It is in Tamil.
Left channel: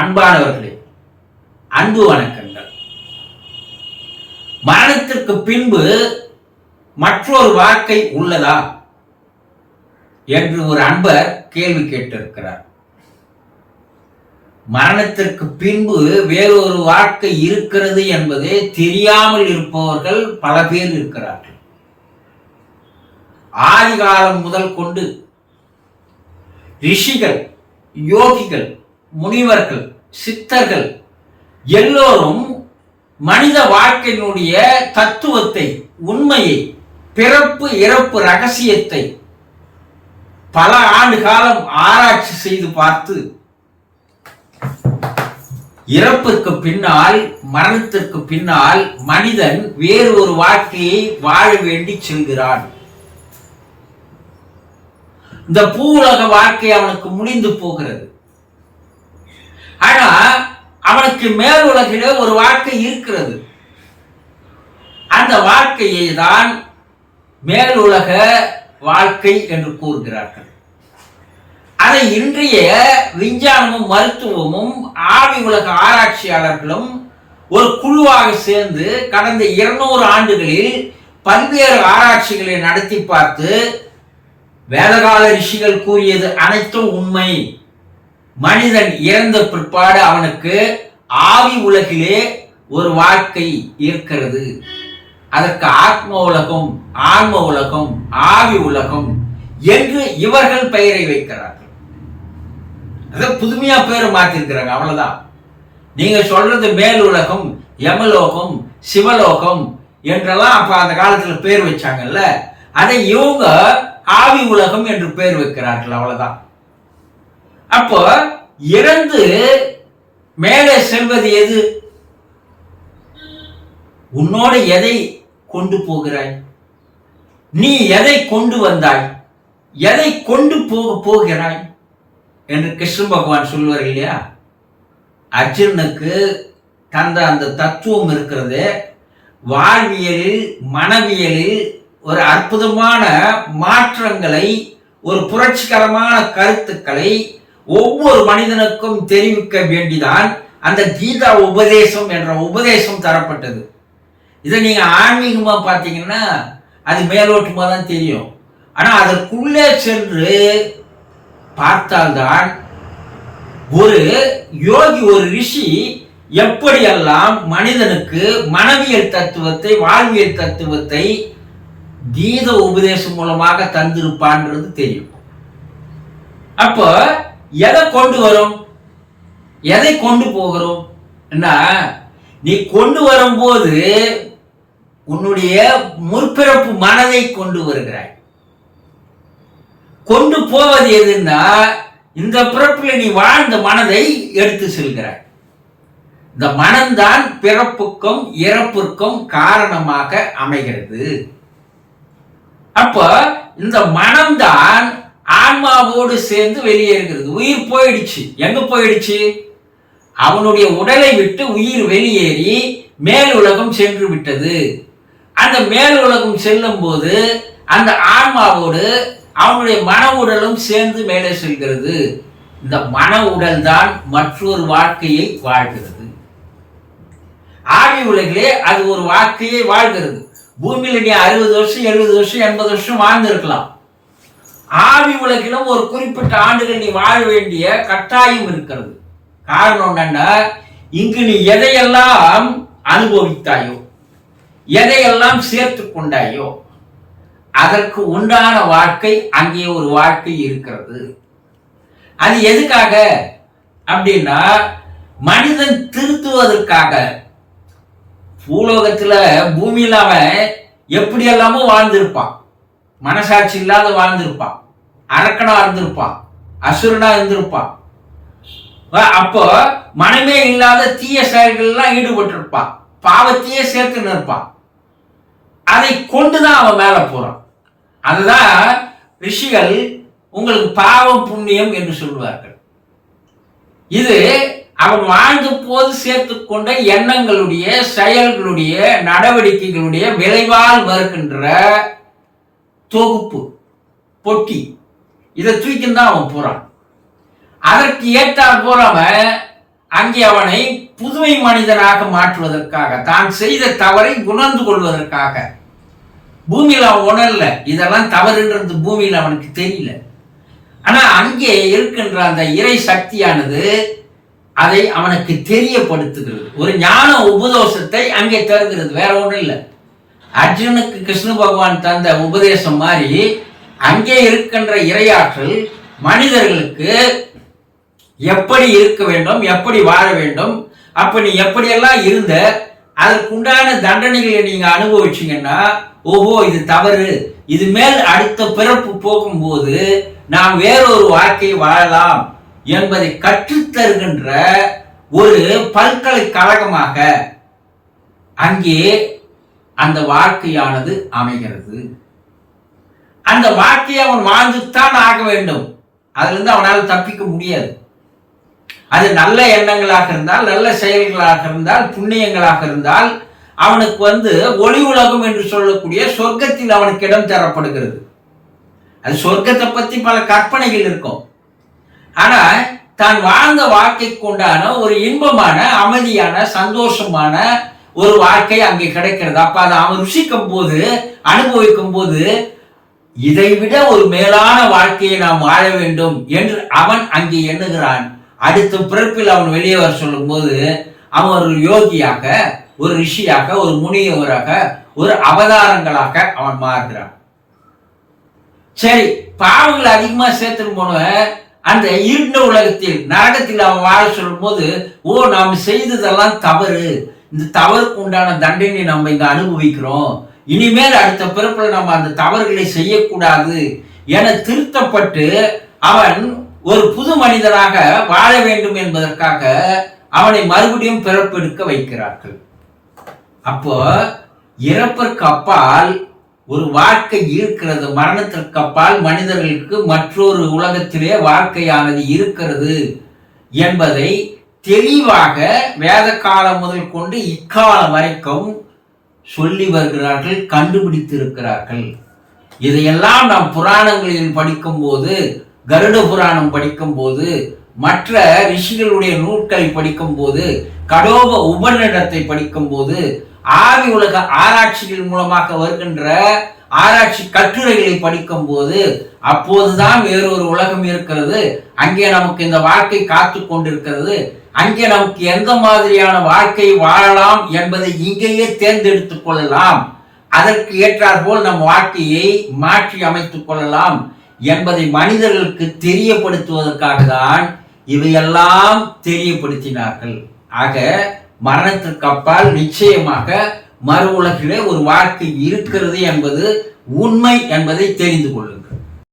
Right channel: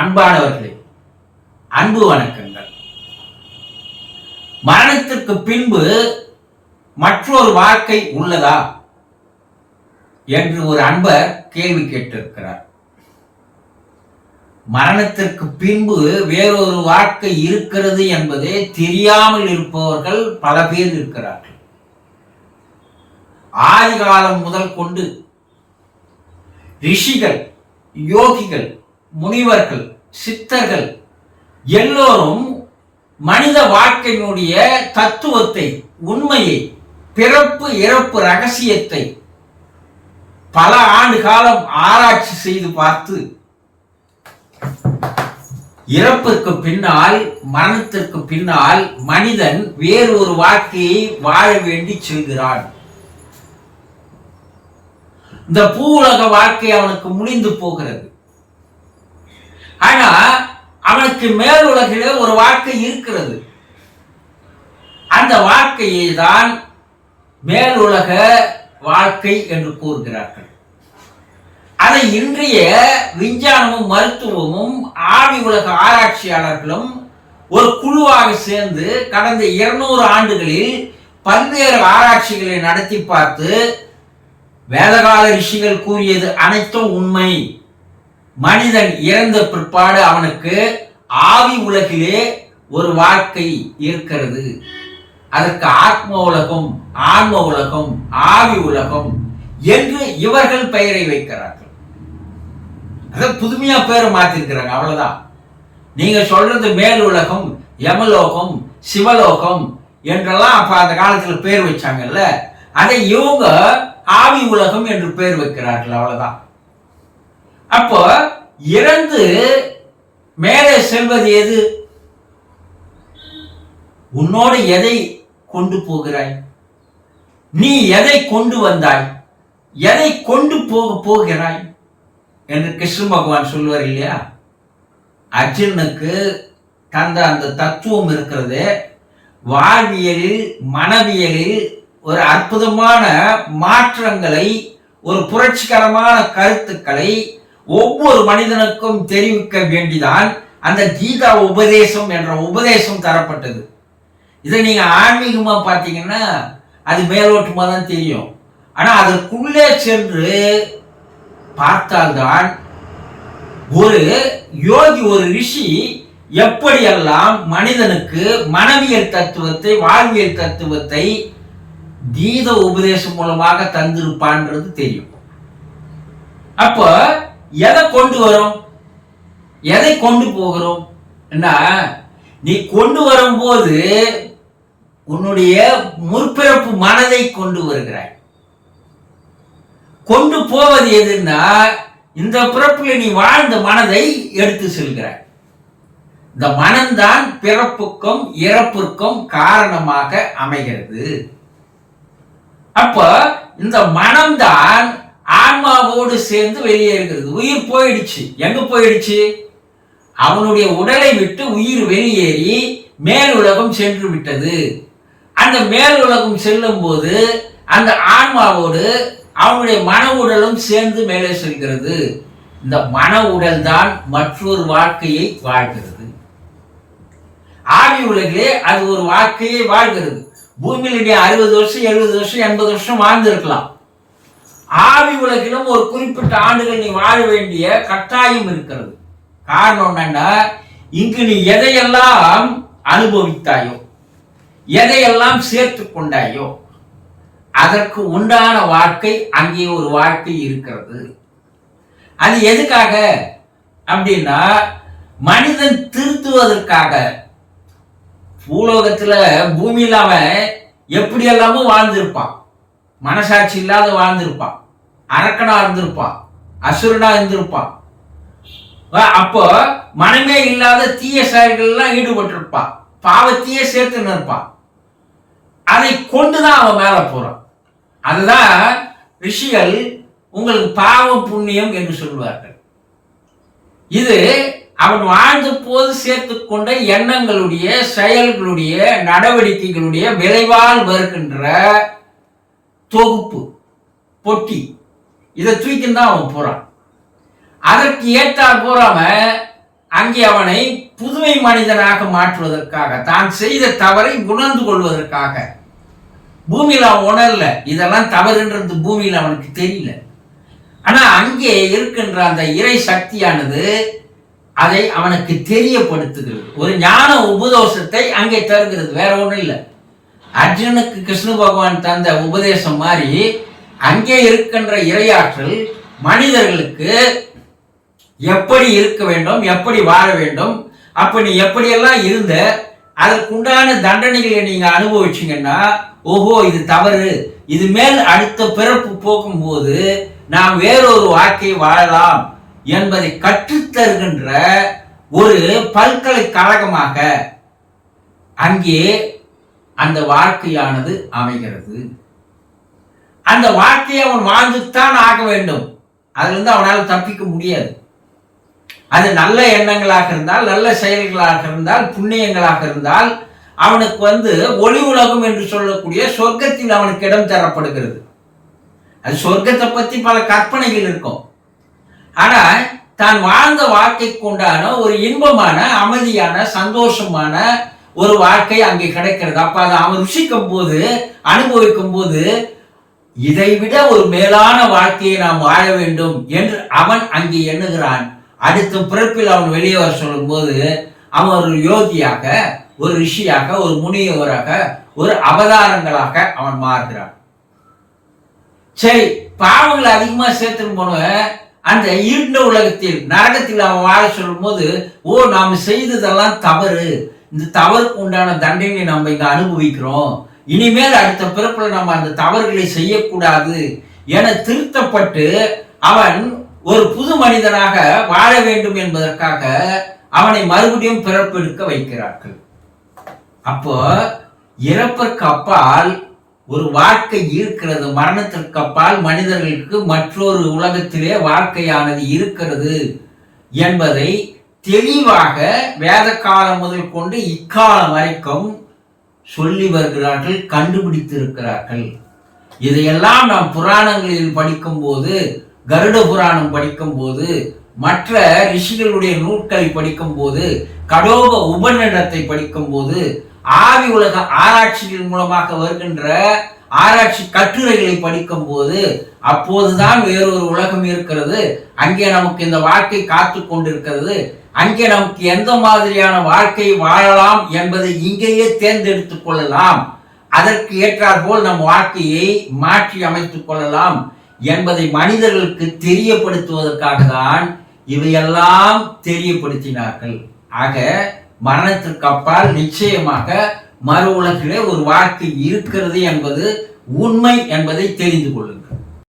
அன்பானவர்களே, அன்பு வணக்கங்கள். மரணத்திற்கு பின்பு மற்றொரு வாழ்க்கை உள்ளதா என்று ஒரு அன்பர் கேள்வி கேட்டிருக்கிறார். மரணத்திற்கு பின்பு வேறொரு வாழ்க்கை இருக்கிறது என்பதே தெரியாமல் இருப்பவர்கள் பல பேர் இருக்கிறார்கள். ஆதி காலம் முதல் கொண்டு ரிஷிகள், யோகிகள், முனிவர்கள், சித்தர்கள் எல்லோரும் மனித வாழ்க்கையினுடைய தத்துவத்தை, உண்மையை, பிறப்பு இறப்பு ரகசியத்தை பல ஆண்டு காலம் ஆராய்ச்சி செய்து பார்த்து இறப்பிற்கு பின்னால், மரணத்திற்கு பின்னால் மனிதன் வேறு ஒரு வாழ்க்கையை வாழ வேண்டி செல்கிறான். இந்த பூ உலக வாழ்க்கை அவனுக்கு முடிந்து போகிறது. ஆனா அவனுக்கு மேல் உலகிலே ஒரு வாழ்க்கை இருக்கிறது. அந்த வாழ்க்கையை தான் மேல் உலக வாழ்க்கை என்று கூறுகிறார்கள். அதை இன்றைய விஞ்ஞானமும் மருத்துவமும் ஆவி உலக ஆராய்ச்சியாளர்களும் ஒரு குழுவாக சேர்ந்து கடந்த 200 ஆண்டுகளில் பல்வேறு ஆராய்ச்சிகளை நடத்தி பார்த்து வேதகால ரிஷிகள் கூறியது அனைத்தும் உண்மை. மனிதன் இறந்த பிற்பாடு அவனுக்கு ஆவி உலகிலே ஒரு வாழ்க்கை இருக்கிறது. அதற்கு ஆத்ம உலகம், ஆன்ம உலகம், ஆவி உலகம் என்று இவர்கள் பெயரை வைக்கிறார்கள். அதை புதுமையா பேரை மாத்திருக்கிறாங்க, அவ்வளவுதான். நீங்க சொல்றது மேல் உலகம், யமலோகம், சிவலோகம் என்றெல்லாம் அப்ப அந்த காலத்துல பேர் வச்சாங்கல்ல, அதை இவங்க ஆவி உலகம் என்று பேர் வைக்கிறார்கள், அவ்வளவுதான். அப்போ இறந்து மேலே செல்வது எது? உன்னோடு எதை கொண்டு போகிறாய்? நீ எதை கொண்டு வந்தாய்? எதை கொண்டு போகிறாய் என்று கிருஷ்ண பகவான் சொல்வார் இல்லையா? அர்ஜுனுக்கு தந்த அந்த தத்துவம் இருக்கிறது. வாழ்வியலில், மனவியலில் ஒரு அற்புதமான மாற்றங்களை, ஒரு புரட்சிகரமான கருத்துக்களை ஒவ்வொரு மனிதனுக்கும் தெரிவிக்க வேண்டிதான் அந்த கீதா உபதேசம் என்ற உபதேசம் தரப்பட்டது. இதை நீங்க ஆன்மீகமா பார்த்தீங்கன்னா அது மேலோட்டமா தான் தெரியும். ஆனா அதற்குள்ளே சென்று பார்த்தால்தான் ஒரு யோகி, ஒரு ரிஷி எப்படியெல்லாம் மனிதனுக்கு மனவியல் தத்துவத்தை, வாழ்வியல் தத்துவத்தை கீத உபதேசம் மூலமாக தந்திருப்பான்றது தெரியும். அப்போ எதை கொண்டு வரும், எதை கொண்டு போகிறோம்? என்ன, நீ கொண்டு வரும்போது உன்னுடைய முற்பிறப்பு மனதை கொண்டு வருகிறாய். கொண்டு போவது எதுன்னா, இந்த பிறப்பில் நீ வாழ்ந்த மனதை எடுத்து செல்கிறாய். இந்த மனம்தான் பிறப்புக்கும் இறப்புக்கும் காரணமாக அமைகிறது. அப்ப இந்த மனம்தான் ஆன்மாவோடு சேர்ந்து வெளியேறுகிறது. உயிர் போயிடுச்சு. எங்க போயிடுச்சு? அவனுடைய உடலை விட்டு உயிர் வெளியேறி மேல் உலகம் சென்று விட்டது. அந்த மேல் உலகம் செல்லும் போது அந்த ஆன்மாவோடு அவனுடைய மன உடலும் சேர்ந்து மேலே செல்கிறது. இந்த மன உடல் தான் மற்றொரு வாழ்க்கையை வாழ்கிறது. ஆவி உலகிலே அது ஒரு வாழ்க்கையை வாழ்கிறது. பூமியில நீ 60 வருஷம், 70 வருஷம், 80 வருஷம் வாழ்ந்திருக்கலாம். ஆவி உலகிலும் ஒரு குறிப்பிட்ட ஆண்டுகள் நீ வாழ வேண்டிய கட்டாயம் இருக்கிறது. காரணம் என்னன்னா, இங்கு நீ எதையெல்லாம் அனுபவித்தாயோ, எதையெல்லாம் சேர்த்து கொண்டாயோ, அதற்கு உண்டான வாழ்க்கை அங்கே ஒரு வாழ்க்கை இருக்கிறது. அது எதுக்காக அப்படின்னா, மனிதன் திருத்துவதற்காக. பூலோகத்துல, பூமியில அவன் எப்படி எல்லாமோ வாழ்ந்திருப்பான். மனசாட்சி இல்லாத வாழ்ந்திருப்பான், அரக்கனா இருந்திருப்பான், அசுரனா இருந்திருப்பான். அப்போ மனமே இல்லாத தீய செயல்கள் எல்லாம் ஈடுபட்டிருப்பான், பாவத்தையே சேர்த்து நிற்பான். அதை கொண்டுதான் அவன் மேல போறான். அதுதான் ரிஷிகள் உங்களுக்கு பாவம் புண்ணியம் என்று சொல்வார்கள். இது அவன் வாழ்ந்த போது சேர்த்து கொண்ட எண்ணங்களுடைய, செயல்களுடைய, நடவடிக்கைகளுடைய விளைவால் வருகின்ற தொகுப்பு, பொட்டி. இதை தூக்கின்னு தான் அவன் போறான். அதற்கு ஏற்றால் போறவன் அங்கே அவனை புதுமை மனிதனாக மாற்றுவதற்காக, தான் செய்த தவறை உணர்ந்து கொள்வதற்காக. பூமியில் அவன் உணரல, இதெல்லாம் தவறுன்றது பூமியில் அவனுக்கு தெரியல. ஆனா அங்கே இருக்கின்ற அந்த இறை சக்தியானது அதை அவனுக்கு தெரியப்படுத்துகிறது. ஒரு ஞான உபதேசத்தை அங்கே தருகிறது, வேற ஒன்றும் இல்லை. அர்ஜுனுக்கு கிருஷ்ண பகவான் தந்த உபதேசம் மாதிரி அங்கே இருக்கின்ற இறையாற்றல் மனிதர்களுக்கு எப்படி இருக்க வேண்டும், எப்படி வாழ வேண்டும், அப்ப நீ எப்படியெல்லாம் இருந்த, அதற்குண்டான தண்டனைகளை நீங்க அனுபவிச்சீங்கன்னா, ஓஹோ இது தவறு, இது மேல் அடுத்த பிறப்பு போகும்போது நாம் வேறொரு வாழ்க்கை வாழலாம் என்பதை கற்றுத்தருகின்ற ஒரு பல்கலைக்கழகமாக அங்கே அந்த வாழ்க்கையானது அமைகிறது. அந்த வாழ்க்கையை அவன் வாழ்ந்துத்தான் ஆக வேண்டும், அதிலிருந்து அவனால் தப்பிக்க முடியாது. அது நல்ல எண்ணங்களாக இருந்தால், நல்ல செயல்களாக இருந்தால், புண்ணியங்களாக இருந்தால் அவனுக்கு ஒளி உலகம் என்று சொல்லக்கூடிய சொர்க்கத்தில் அவனுக்கு இடம் தரப்படுகிறது. அது சொர்க்கத்தை பற்றி பல கற்பனைகள் இருக்கும். ஆனா தான் வாழ்ந்த வாழ்க்கைக்கு உண்டான ஒரு இன்பமான, அமைதியான, சந்தோஷமான ஒரு வாழ்க்கை அங்கே கிடைக்கிறது. அப்ப அதை அவன் ருசிக்கும் போது, அனுபவிக்கும் போது, இதைவிட ஒரு மேலான வாழ்க்கையை நாம் வாழ வேண்டும் என்று அவன் அங்கே எண்ணுகிறான். அடுத்த பிறப்பில் அவன் வெளியே வர சொல்லும் போது அவன் ஒரு யோகியாக, ஒரு ரிஷியாக, ஒரு முனியவராக, ஒரு அவதாரங்களாக அவன் மாறுகிறான். சரி, பாவங்களை அதிகமா சேர்த்துன்னு போனவன் அந்த இருண்ட உலகத்தில், நரகத்தில் அவன் வாழ சொல்லும் போது, ஓ நாம் செய்ததெல்லாம் தவறு, இந்த தவறுக்கு உண்டான தண்டனை நம்ம இங்க அனுபவிக்கிறோம், இனிமேல் அடுத்த பிறப்புல நம்ம அந்த தவறுகளை செய்யக்கூடாது என திருத்தப்பட்டு அவன் ஒரு புது மனிதனாக வாழ வேண்டும் என்பதற்காக அவனை மறுபடியும் பிறப்பெடுக்க வைக்கிறார்கள். அப்போ இறப்பிற்கு அப்பால் ஒரு வாழ்க்கை இருக்கிறது, மரணத்திற்கு அப்பால் மனிதர்களுக்கு மற்றொரு உலகத்திலே வாழ்க்கையானது இருக்கிறது என்பதை தெளிவாக வேத காலம் முதல் கொண்டு இக்காலம் வரைக்கும் சொல்லி வருகிறார்கள், கண்டுபிடித்திருக்கிறார்கள். இதையெல்லாம் நாம் புராணங்களில் படிக்கும் போது, கருட புராணம் படிக்கும் போது, மற்ற ரிஷிகளுடைய நூல்களை படிக்கும் போது, கடோப உபநிடத்தை படிக்கும் போது, ஆவி உலக ஆராய்ச்சிகள் மூலமாக வருகின்ற ஆராய்ச்சி கட்டுரைகளை படிக்கும் போது, அப்போதுதான் வேறொரு உலகம் இருக்கிறது, அங்கே நமக்கு இந்த வாழ்க்கை காத்து கொண்டிருக்கிறது, அங்கே நமக்கு எந்த மாதிரியான வாழ்க்கை வாழலாம் என்பதை இங்கேயே தேர்ந்தெடுத்துக் கொள்ளலாம், அதற்கு ஏற்றாற்போல் நம் வாழ்க்கையை மாற்றி அமைத்துக் கொள்ளலாம் என்பதை மனிதர்களுக்கு தெரியப்படுத்துவதற்காக தான் இவையெல்லாம் தெரியப்படுத்தினார்கள். ஆக மரணத்திற்கு அப்பால் நிச்சயமாக மறு உலகிலே ஒரு வாழ்க்கை இருக்கிறது என்பது உண்மை என்பதை தெரிந்து கொள்ளுங்கள்.